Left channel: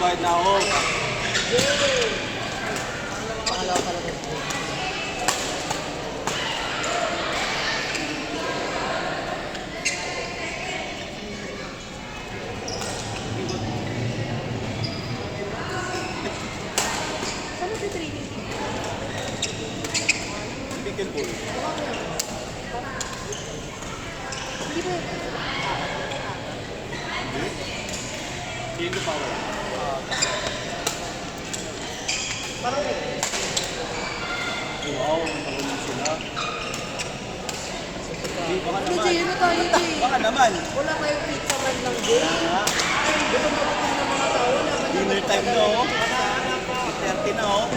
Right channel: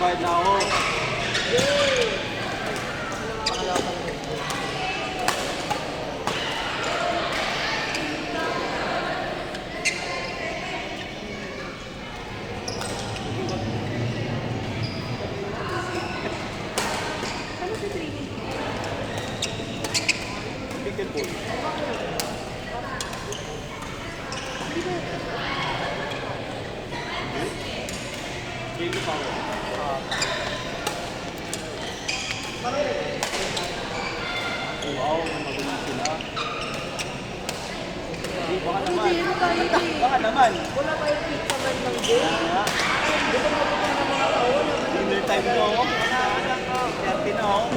Bayad na ako. Bigyan ko. Dito pa ako. Wow, magaling sila. Hindi, baka naman. Baka naman. Wala tayong pizza man ng game. Dinner time na oh. 8:30 na oh.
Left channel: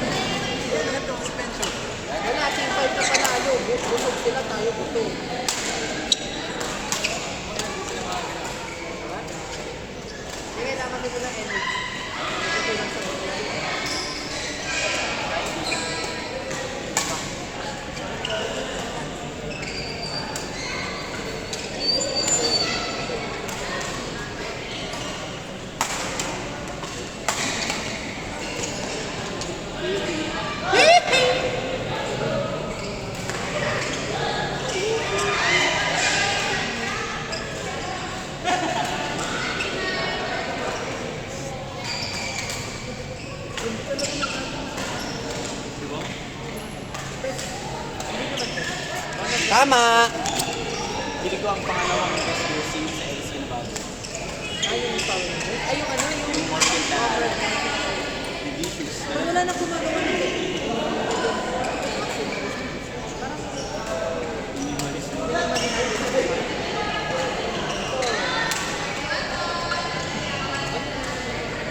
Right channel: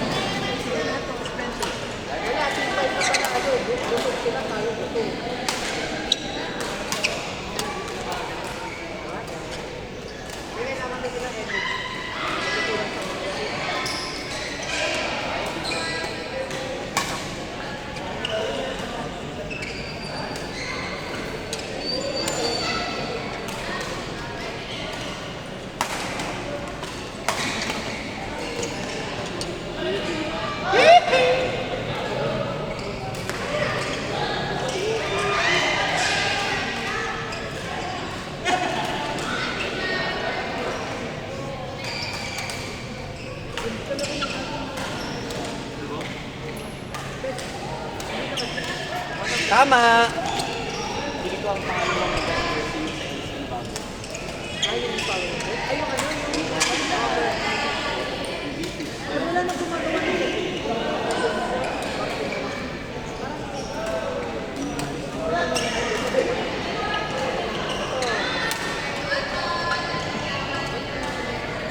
Wala, simpay pa tayo. Busog sila tayo buti. Kailangan nito ng energy. Tama! Bili ko ang pangalawang jersey sa LCN bago. Ayun ano, yung wala na gumagawa nito.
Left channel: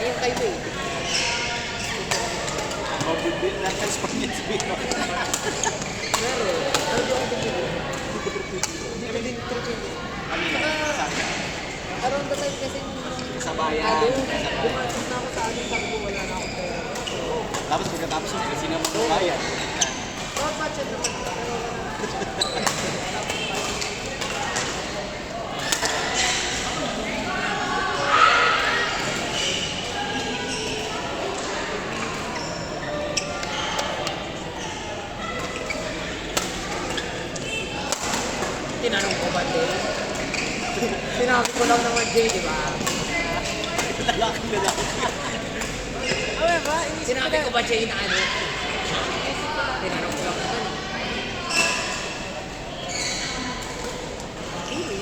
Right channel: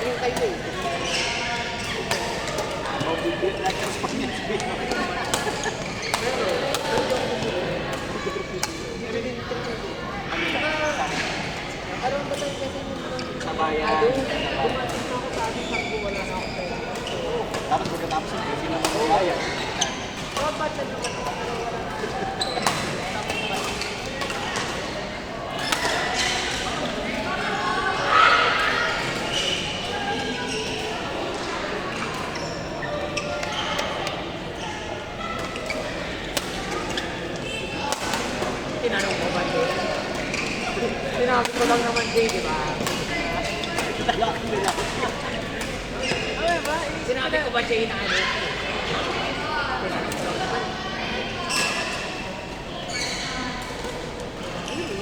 Ayun kay Bo. Mabibit na ka sa Ano ba sa'yo kasi sa bayan. Tapos pagkatapos ng jersey ng mga bayan. Tinanong ko ba din? Sinabi ko lang naman din, di ba? Lalaki. Sinabi ko ba siya inaano? Tinanong ko lang naman. Hindi,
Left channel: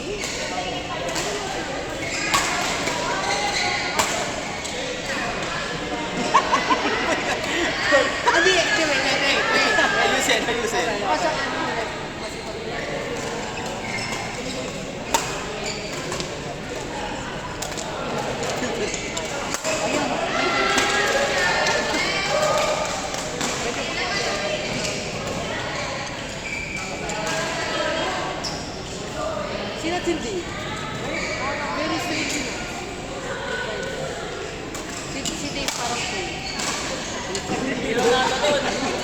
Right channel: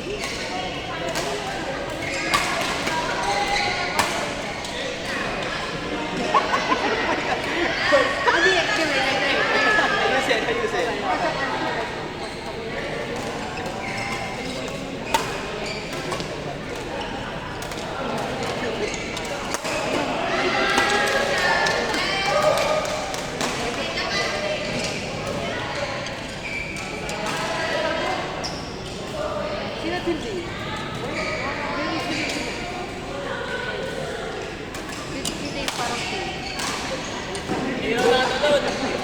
Ayusin, ayusin. Sino hindi? Very strict sila. Si Dave parang cool. Sino, ano, sobrang strict.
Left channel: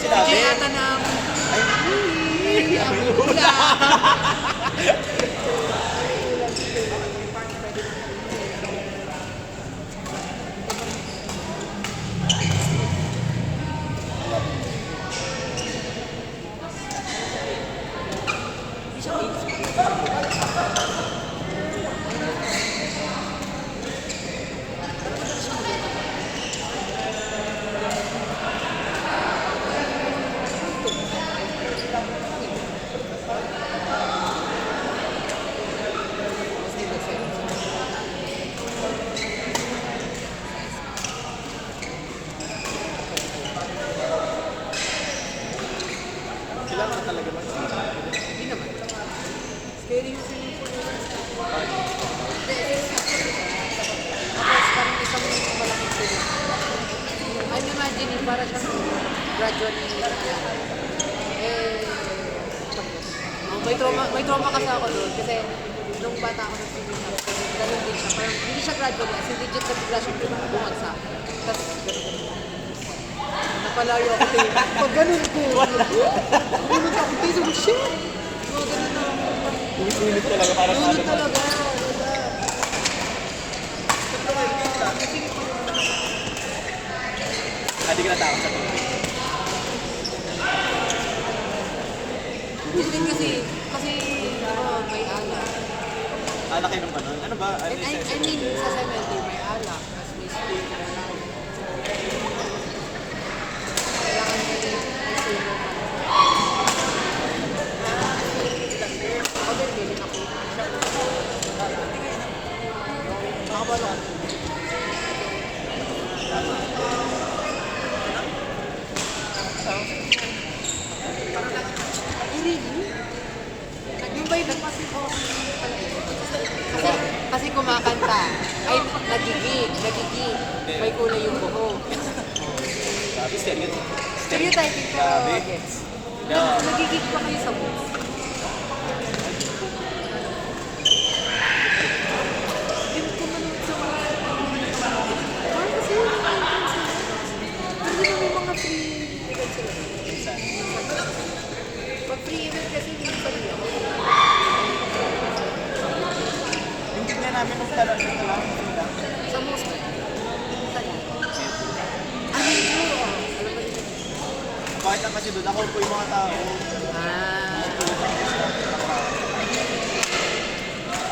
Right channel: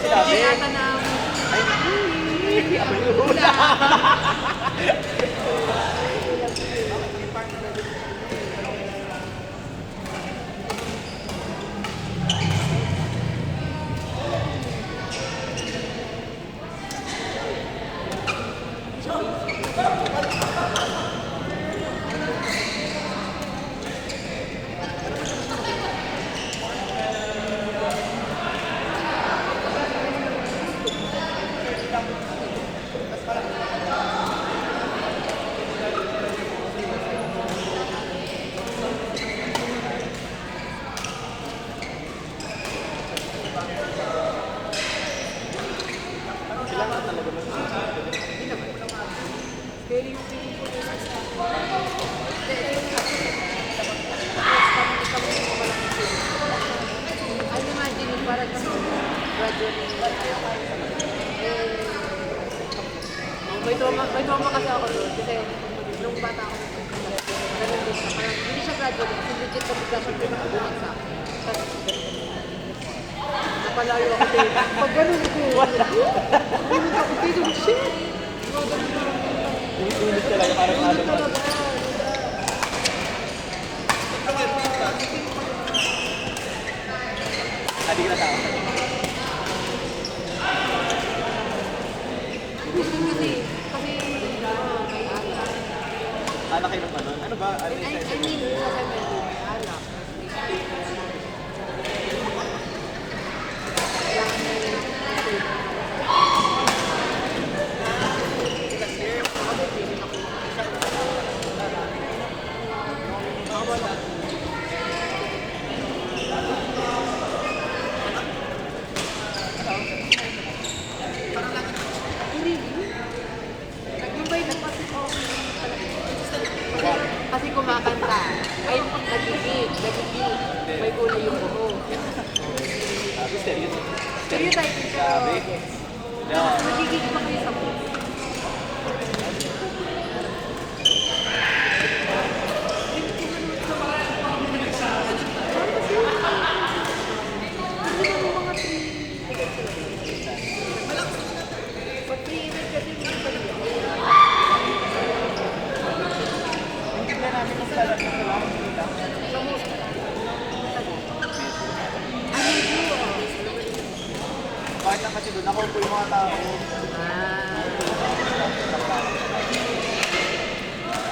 Sinabi. Kaya na may trauma kasi ako doon kasi nung bata ako ganun din siya. Hindi siya graduate, si legit na bigla siya bumagsak. Tapos napapalayo ako tayo. Pag ganun ko, bunot ako tayo. Shit! Ulit talaga para sa Bunot talaga. Hindi ka natama. Kasi may alak. Anak kayo ng tanong. Ano ba? Ano I yung mean, session? sa cemetery may alak. Tapos may steak. Nag-invite na kasi kumakanta. Ay, nagigig. May kulay yung buho. Sabi, stereotype. Stereotyping pero Grabe. gets. Yeah. Nagigig pa kayo sa booth. Hindi niya namin kung pala. Bakit na kasi doon ako po yung mga tao.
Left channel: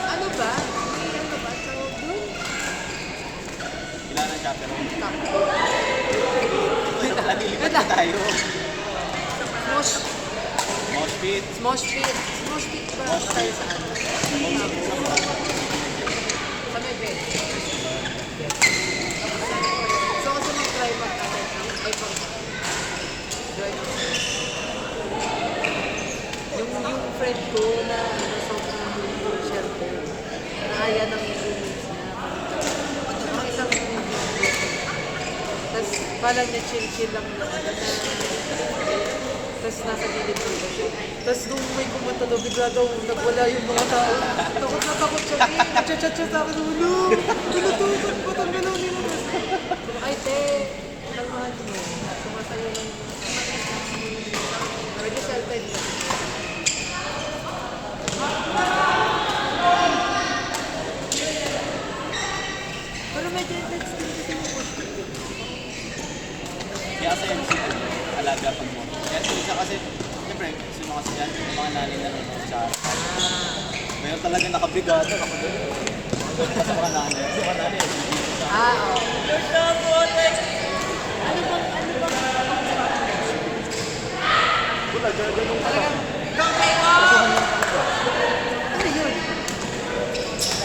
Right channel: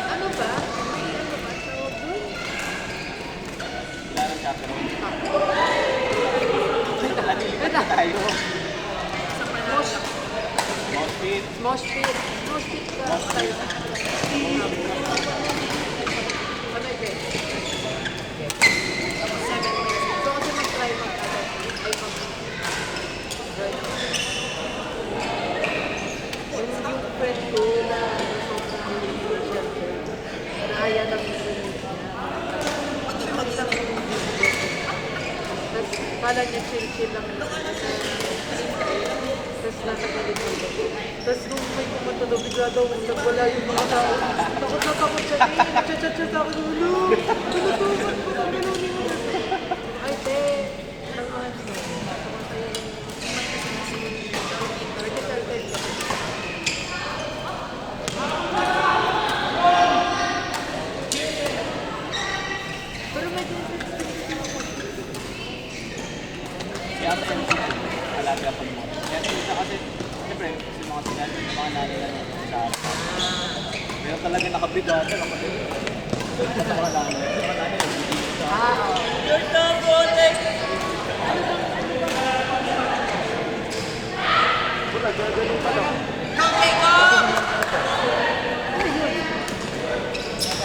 Ano ba? Ilan ang chapter? Nalilipat na tayo. Mosh. Mosh pit. Mosh pit. Mosh pit ba? Mosh pit. Sa may bed. So kasi mag-try mag-atay ng iPhone. Yung friend ko na sobrang share ko, naaya ng feelings niya. Tapos kala niya chill-chill lang naman. Tapos nasa gilid ko. Tapos nung may kumatulog, bigla daw nagwala yung mga tao. Takot na takot siya. Chat-chat-chat ako. Ano? Pinutusok ko. Tanggalun yun. Ay, te. Walang mahal mo. Sumasayo lang. Pwede selfie. Pero may text din kasi ako. Kaya sa MC, alaga ko mo. Kaya sa isa kasi, siyempre, kasi mga sigante, yung mga nanay na sa meron talaga nakabrigada. Sa mga nanay. Sa mga nanay,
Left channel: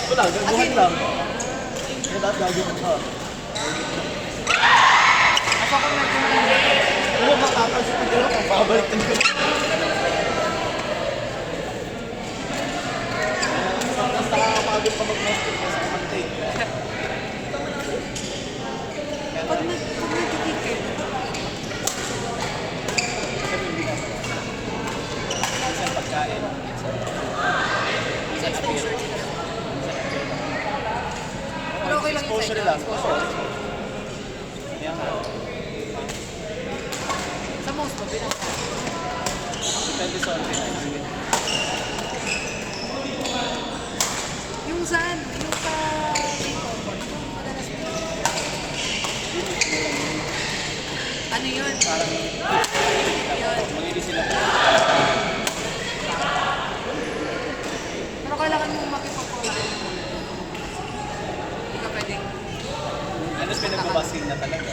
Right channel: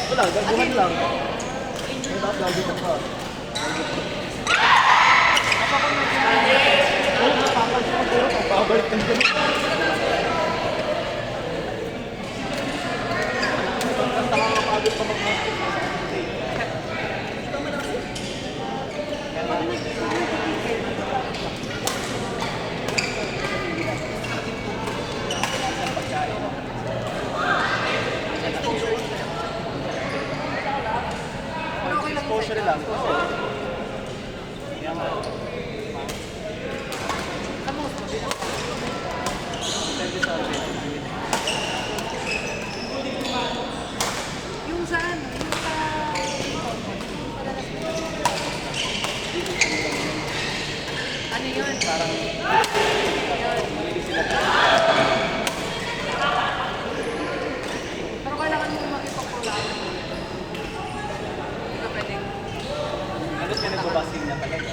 wala, gagawin lang. Kaya bakit gagawin pa? Oo, makapansin ko. Pakabalik na yun. Basta makakabalik na isang pagkain. Pero okay lang Exposure lang. Oo. Kaya nga, Sa most mabilis. depende sa akin. Yung saan? Yung ano yun? Parang Yun. nalili sila. Pero kailangan mo makikita. Hindi ka pwedeng. Ano pinagbabasing na talaga?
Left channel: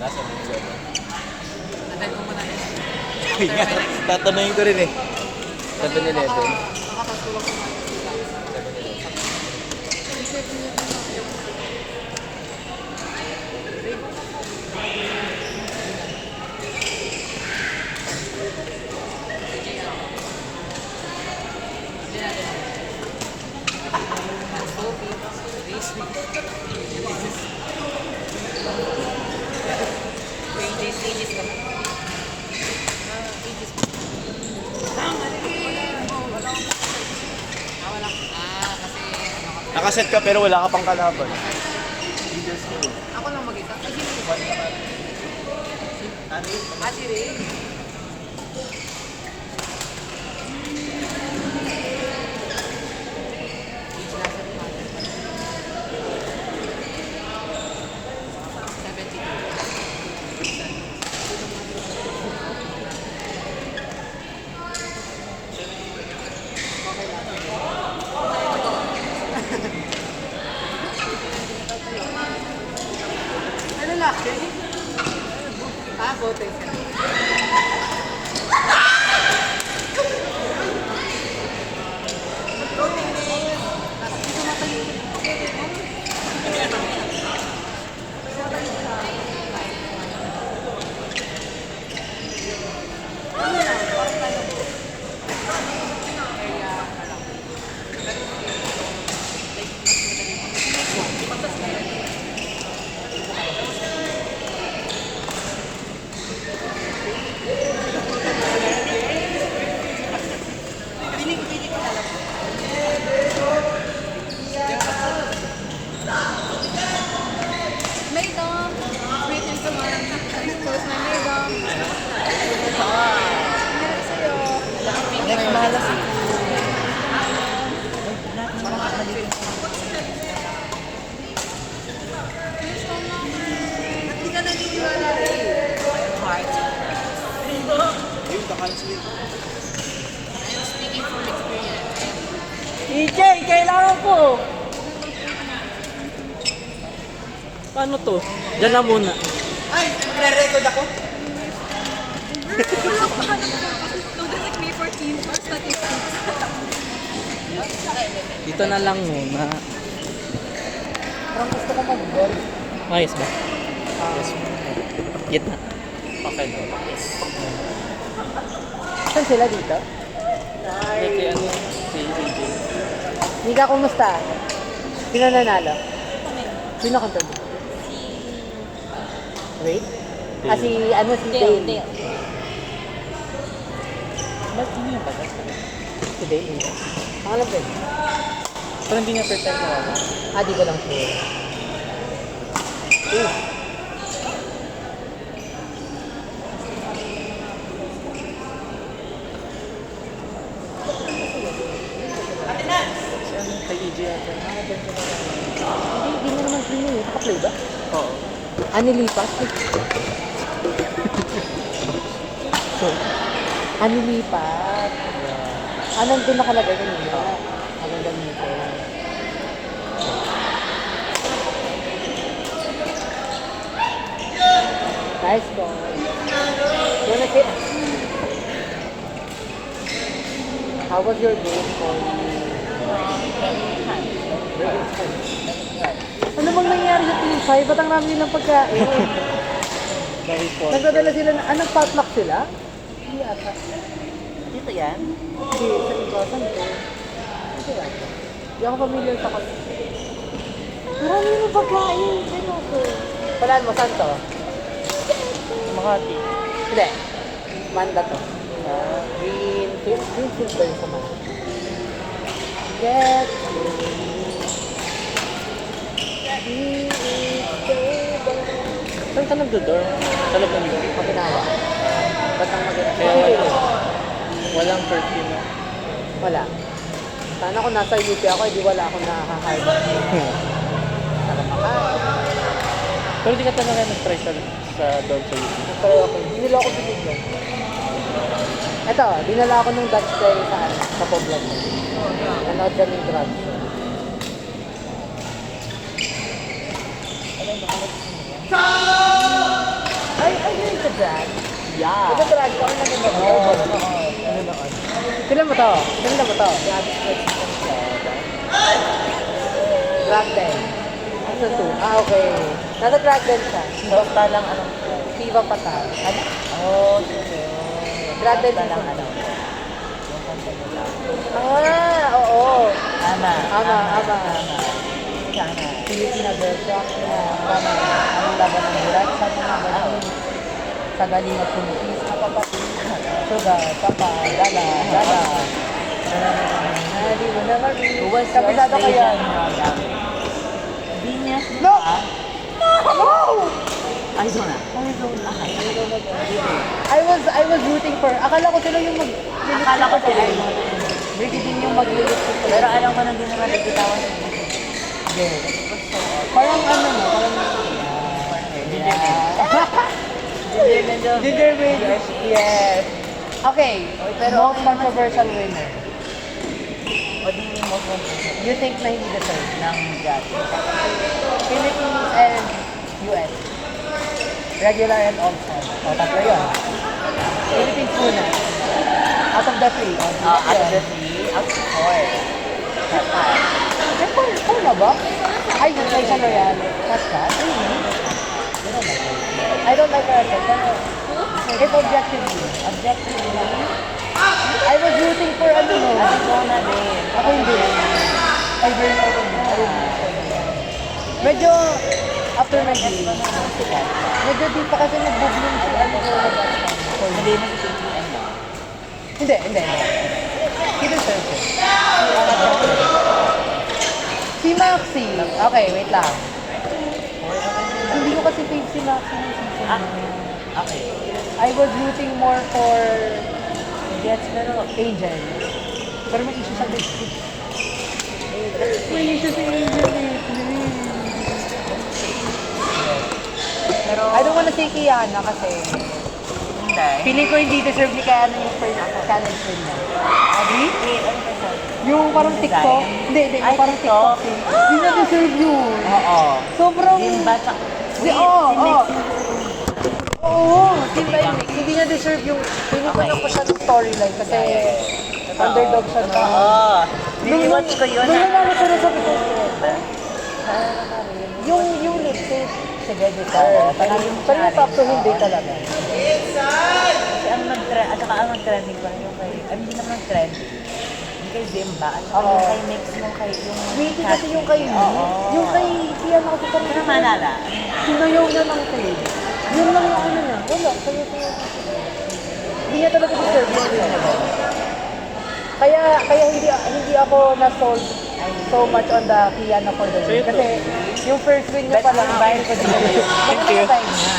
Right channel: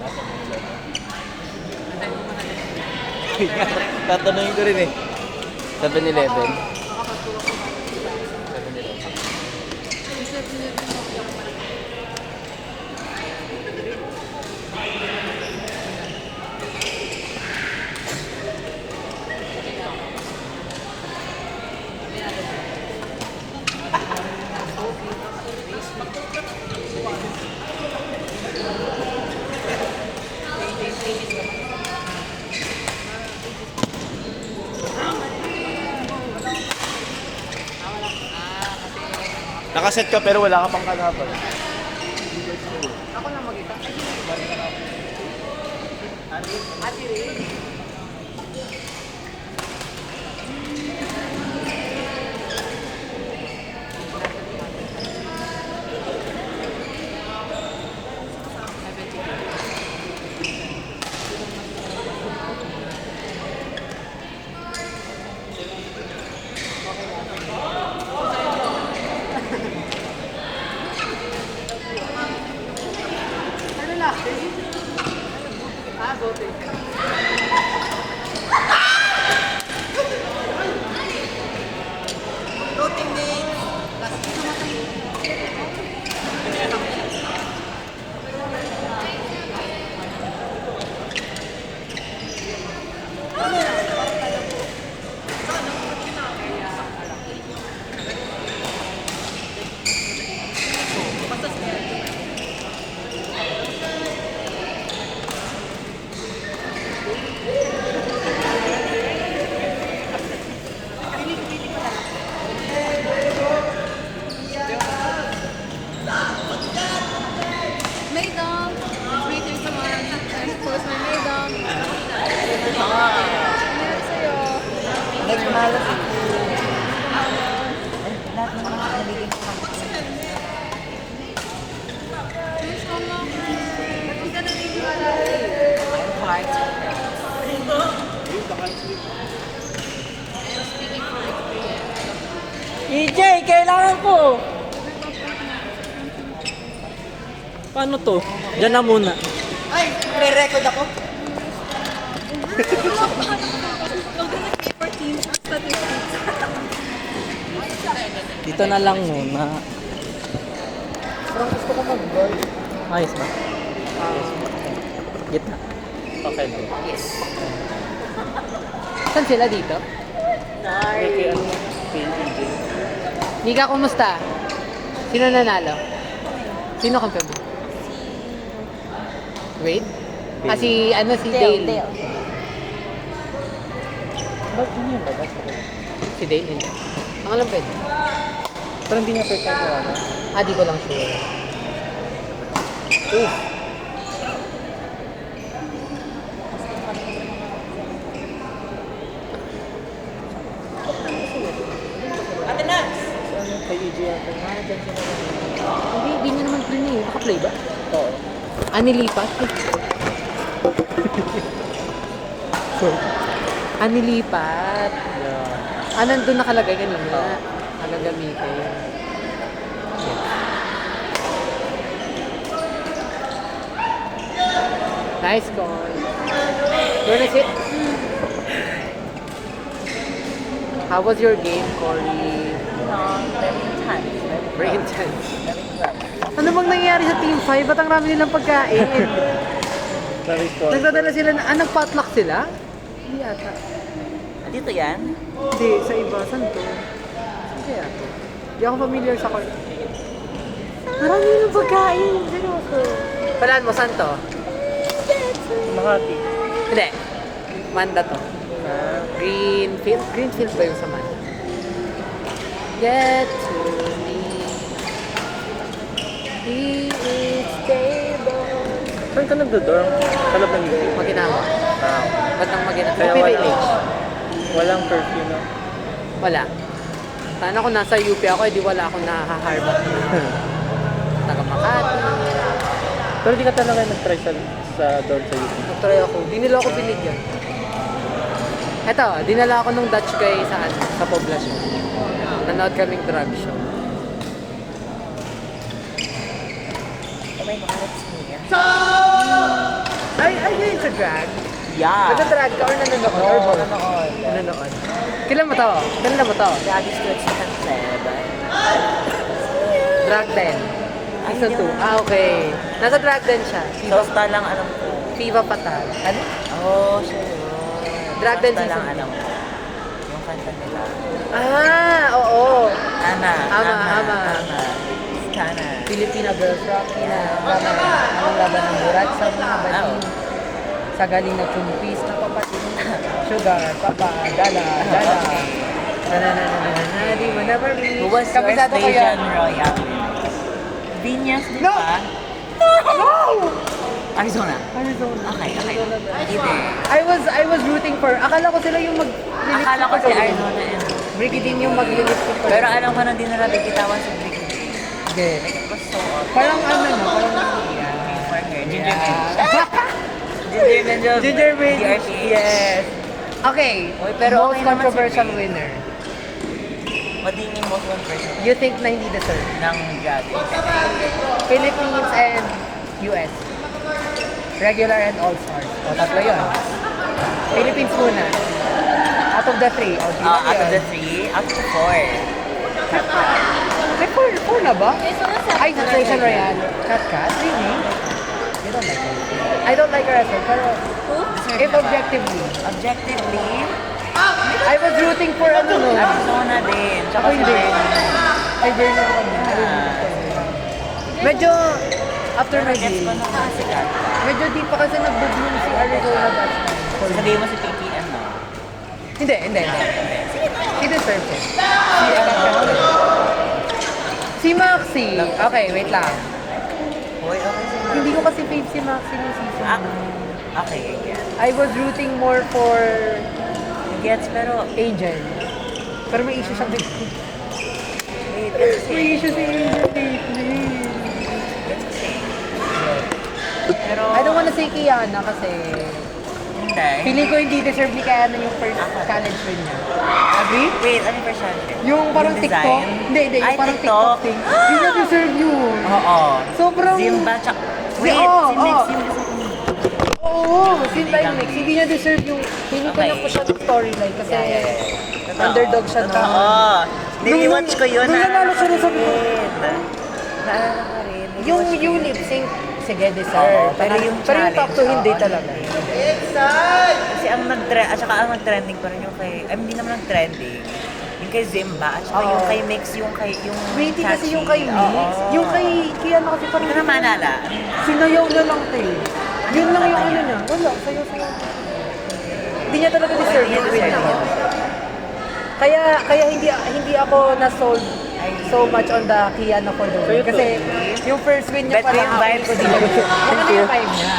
Nasa mo siya. Nadali mo na rin. Tatanungin ko rin eh. 7-Eleven. Nakaset ka pero wala ka pang kalaban. Ako lang mag-isa. Si Ray. Ano na? Go, take it. Go, ting ting. Maydom! Wait, everyone. Thanks for my Maydom. Ingat sa'yo. Next malas ako. Lahat na naman nabigyan ko kami. Thanks so much. Hindi ka naniniwala na Ayun, nakaset. EJ, kailangan ko! Paano to? Diyan na muna. Ay, re-record ako? Wala ko hanap ko. Loaded like May 14 for statistics. Dito na lang muna. Parang gusto ko mag-golf. Ayos ba? Gitna. Okay lang. Saan sila dito? Okay, ano? Kay EJ. Nika, kumusta? Sino nanalo? Sino kang pwede? Wade? Ah, si, ano, si Dale. Ba't hindi yung bagas? Si Dale, hindi. Ako lang pwede. Parang hindi niya first time wala. Ah, di ko lang sure. Si ano? Kay EJ yata. Ah, dyan sila. Hindi mo naman play niya. Naka-play ba? Oo. Ah, nilipat? Ah, nilipat. Yeah. Ah, nandun nakalagay kanina. Oo. Ah, gagamitin. Nice one. Where is it? How was your game, Corey? Very intense. Ano bang nangyari sa Team 5? Ba't ang dami nilang pagkain? Very cool. Nagdadala sila na, nag-potluck sila? Hindi yata. Dito yan? Hindi, sa iba. Saan to? Hindi yata. Hindi ako familiar sa kanya. Marami nilang pagkain. Ano ako? Palaan mo, saan to? Makati. Hindi. Manda to. Greenfield. Greenfield ba yung sa Manda? Get to me. He is stable. Saan ka nagdo-dorm? Sa loob ng UP? Maginawa. Wow. Ba't ang maginawa? Kaya UP walang, Village. walang curfew, no? Wala. Sana kung nasa UP ako, edi wala akong nakaka-harvard. Taga Makati. Pero di ka talaga nag-try sa dorm sa UP. Nag-try ako. Di nila ako binigyan. Ito, dinala ako ng Dutch guy sa, sa poblasyon. Nanood kaming drag show. Ay, yun sa drag? Yeah. Nag-drag ka or nanonood? Nanonood. Kailan mo to? Kailan mo to? Drag den. Season 2. Ah, okay. Nasa drag den siya. Basta lang alam ko. Viva Pata. Ano? Oh, sure. Drag den Basta season lang 2. alam ko. Yung kanta nila. Ah, oo. Ana. Ama. Ana. Si Filipina Girls Rock, ang laban ng Murat sa mga baling, sa galing na chumpis, kapapatid, sugar, papa, dala, di mo na mami. Who was your Kapisado ko station yan. royal? Venus, di No! ba? No! Arizona. Arizona. Okay, okay. Arizona ba? Either. I was rooting for, akala ko sila yung mag-lilit Akala ko si Arizona yun. Brigidin yung mag-lilit ko. Pero alam ko na din na nabigitawan sa Brico. Hindi. Parang ano na, parang... Ginger Angel. Ginger Bean. DRP. Yes. Okay, Oy, pero most okay naman controversial si Faye. winner. What do you mean most one person You think na hindi deserve? ng God? Philippines and US. Regular and all-stars. O, tatlo yun. Philippines muna. Out of the three. O, di ba Out of the yun? 3, up to 4. May four na ba? Ay, Nation Royale. Kat? Really? I don't like her. I don't like her as well, pero if objectively, Objectively, I was rooting for ano mo. Arizona din. Ako hindi. Ay, burn ako kanya. I really like her. Medyo, after nag-game, medyo di pa kasi nag-boom si Arizona that time. So, Sabihin mo si Pinky, ano? hindi. He deserves it. Si Maxi. Okay, wait lang. Boy, okay. Hindi ko kasi fave si Maxi ng season Ah, na. okay. I was rooting more for Gets, pero... Angel. Pero may issue siyang lately. May issue si Angel lately. Pero... I don't wanna say Kiana kasi Hindi. feeling ko hindi deserve ni Kiana yung first college win niya. Agree? Wait, ano person? Yung parang Yung TikTok. design? Hindi. Yung Ay, parang TikTok. TikTok thing. Hindi na deserve yun. Oo. Sobrang... Zimba, tsaka... Wait, Oo, si Mix, oo. yung Oo, Team Limix. Hindi niya deserve yung... Feeling ko Okay. lang po siya ng storyline kasi underdog siya no. Oo. Nini-watch ko yun. Nung nanalo siya sa likod. Naalala ko rin. Yung lip sync, sige, deserve. Pero yung pero yung top 2, hindi talaga. Kasi ang nag-trend, at saka ang nag-trending pa rin yung kay... I mean, hindi naman nag-trending. Yung kay Zimba, at saka yung Oo. kay Mix, yung kay... Yung Wait, kasi yung kay Oo. Mix, yung kay ano kasi parang... Hindi ko na maalala. Sinayaw niya lang ito eh. Yun lang yung ano niya. Wala, sayaw. Hindi niya talaga deserve yung win niya. Kaya hindi ako na-sold so much on the Kiana for the win. Kasi yung first win niya Bet ko parang yung vibes. Mga 5 na.